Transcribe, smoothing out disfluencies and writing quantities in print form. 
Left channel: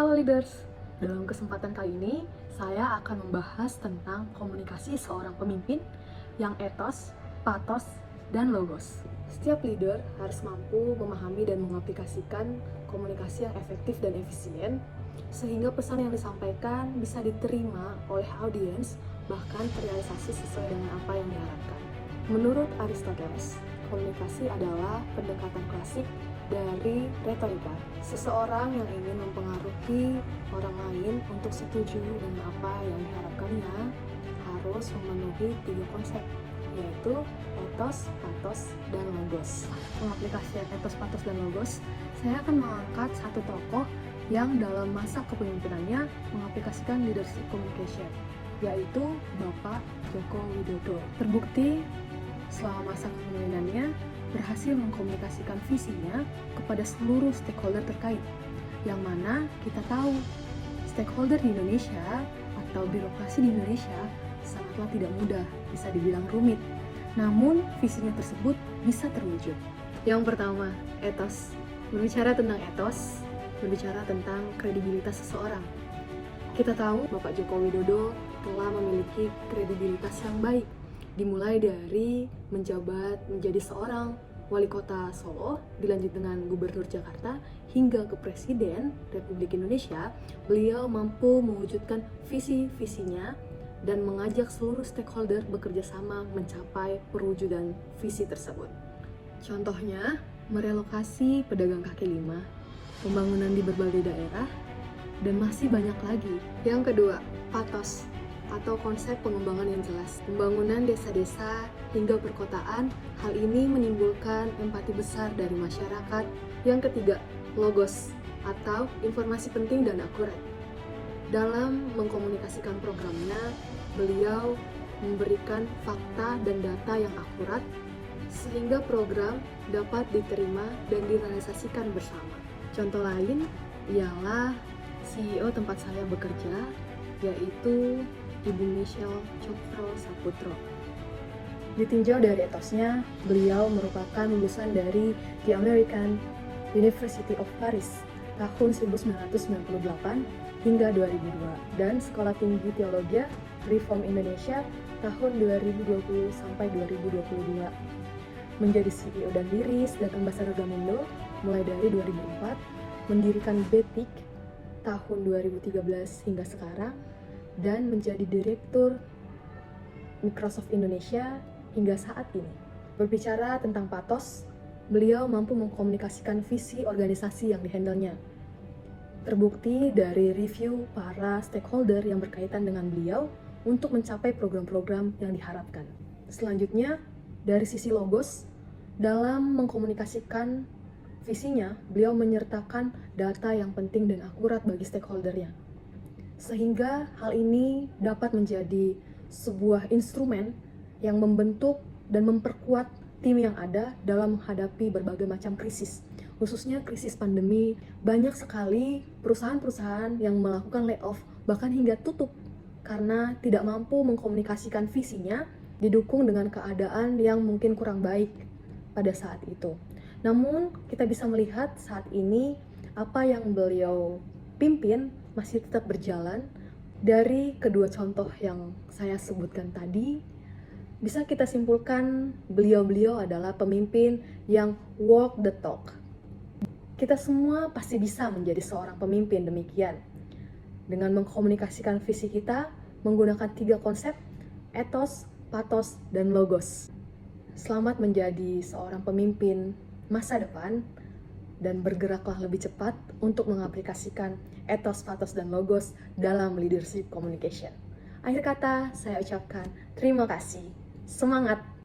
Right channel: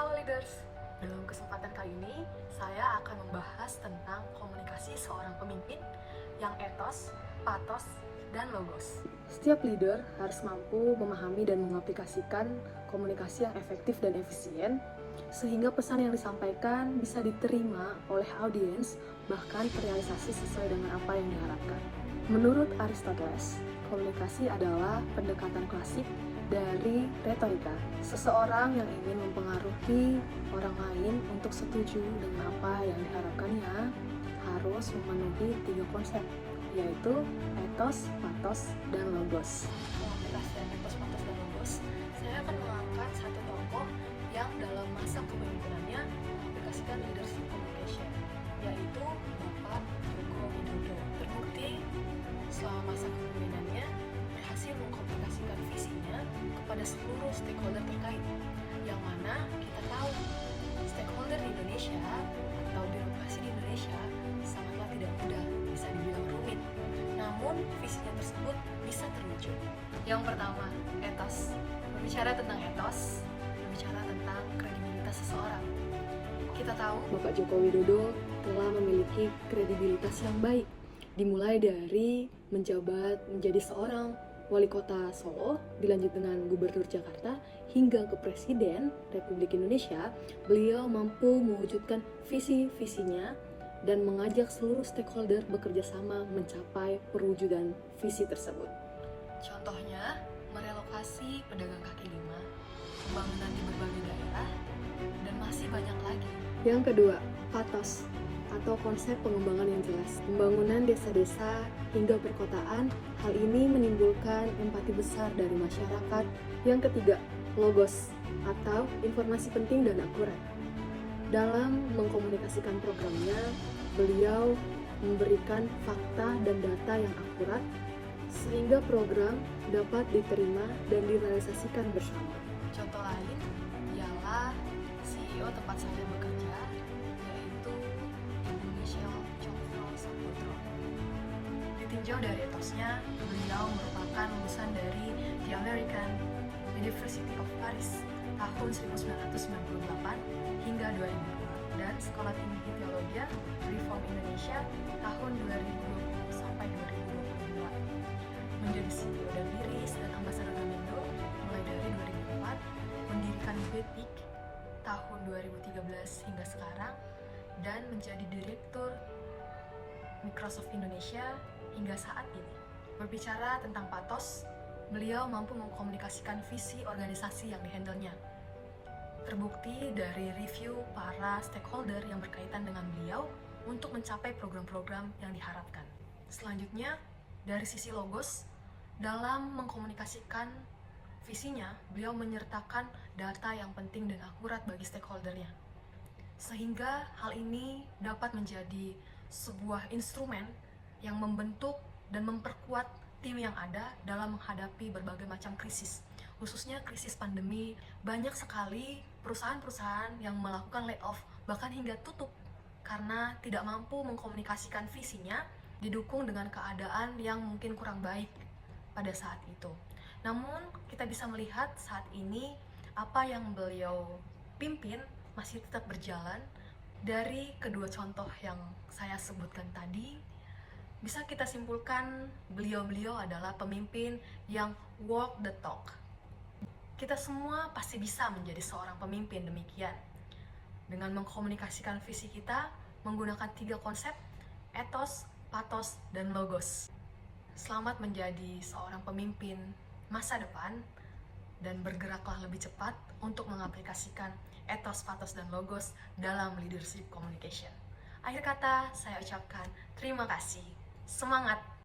Halo leaders, dalam kesempatan kali ini saya akan membahas tentang komunikasi seorang pemimpin yang etos, patos, dan logos. Setiap leader harus mampu memahami dan mengaplikasikan komunikasi yang efektif dan efisien sehingga pesan yang disampaikan bisa diterima oleh audiens bahkan terrealisasi sesuai dengan apa yang diharapkan. Menurut Aristoteles, komunikasi adalah pendekatan klasik dari retorika. Seseorang yang ingin mempengaruhi orang lain untuk setuju dengan apa yang diharapkannya harus memenuhi 3 konsep, yaitu etos, patos, dan logos. Pengaplikasian etos, patos, dan logos, saya akan mengangkat satu tokoh yang dalam masa kepemimpinannya mengaplikasikan leadership communication, yaitu Bapak Joko Widodo. Terbukti selama masa kepemimpinannya berhasil mengkomunikasikan visinya kepada seluruh stakeholder terkait, yang mana kita tahu stakeholder di Indonesia atau birokrasi di Indonesia sangatlah tidak mudah, bisa dibilang rumit. Namun visinya tersebut bisa terwujud. Yang pertama, etos. Berbicara tentang etos, berbicara tentang kredibilitas seseorang. Kita tahu Bapak Joko Widodo telah memiliki kredibilitas yang baik, dimulai dari menjabat menjadi seorang wali kota Solo, dilanjut dengan gubernur Jakarta, hingga ke Presiden Republik Indonesia. Beliau mampu mewujudkan visi-visinya dan mengajak seluruh stakeholder bekerja sama mencapai perwujudan visi tersebut. Contohnya, merelokasi pedagang kaki lima, pembangunan di berbagai daerah, dan masih banyak lagi. Yang kedua, patos atau konsep pengembangan yang jelas. Pembangunan desa-desa hingga perkotaan, hal ini menimbulkan empati besar dari masyarakat. Yang ketiga, logos atau informasi penting dan akurat. Dalam mengkomunikasikan programnya, beliau memberikan fakta dan data yang akurat sehingga program dapat diterima dan direalisasikan bersama. Contoh lain ialah CEO tempat saya bekerja, yaitu Ibu Michelle Cokro Saputro. Ditinjau dari etosnya, beliau merupakan lulusan dari The American University of Paris tahun 1998 hingga 2002 dan Sekolah Tinggi Teologi Reform Indonesia tahun 2020 sampai 2022. Menjadi CEO dan Liris dan Ambasador Gamindo mulai dari 2004, mendirikan Betik tahun 2013 hingga sekarang, dan menjadi Direktur Microsoft Indonesia hingga saat ini. Berbicara tentang patos, beliau mampu mengkomunikasikan visi organisasi yang dihandle-nya. Terbukti dari review para stakeholder yang berkaitan dengan beliau untuk mencapai program-program yang diharapkan. Selanjutnya, dari sisi logos, dalam mengkomunikasikan visinya, beliau menyertakan data yang penting dan akurat bagi stakeholdernya. Sehingga hal ini dapat menjadi sebuah instrumen yang membentuk dan memperkuat tim yang ada dalam menghadapi berbagai macam krisis. Khususnya krisis pandemi, banyak sekali perusahaan-perusahaan yang melakukan layoff, bahkan hingga tutup karena tidak mampu mengkomunikasikan visinya, didukung dengan keadaan yang mungkin kurang baik pada saat itu. Namun, kita bisa melihat saat ini apa yang beliau pimpin masih tetap berjalan. Dari kedua contoh yang saya sebutkan tadi, bisa kita simpulkan beliau-beliau adalah pemimpin yang walk the talk. Kita semua pasti bisa menjadi seorang pemimpin demikian, dengan mengkomunikasikan visi kita menggunakan 3 konsep, etos, patos, dan logos. Selamat menjadi seorang pemimpin masa depan, dan bergeraklah lebih cepat untuk mengaplikasikan etos, patos, dan logos dalam leadership communication. Akhir kata, saya ucapkan terima kasih. Semangat!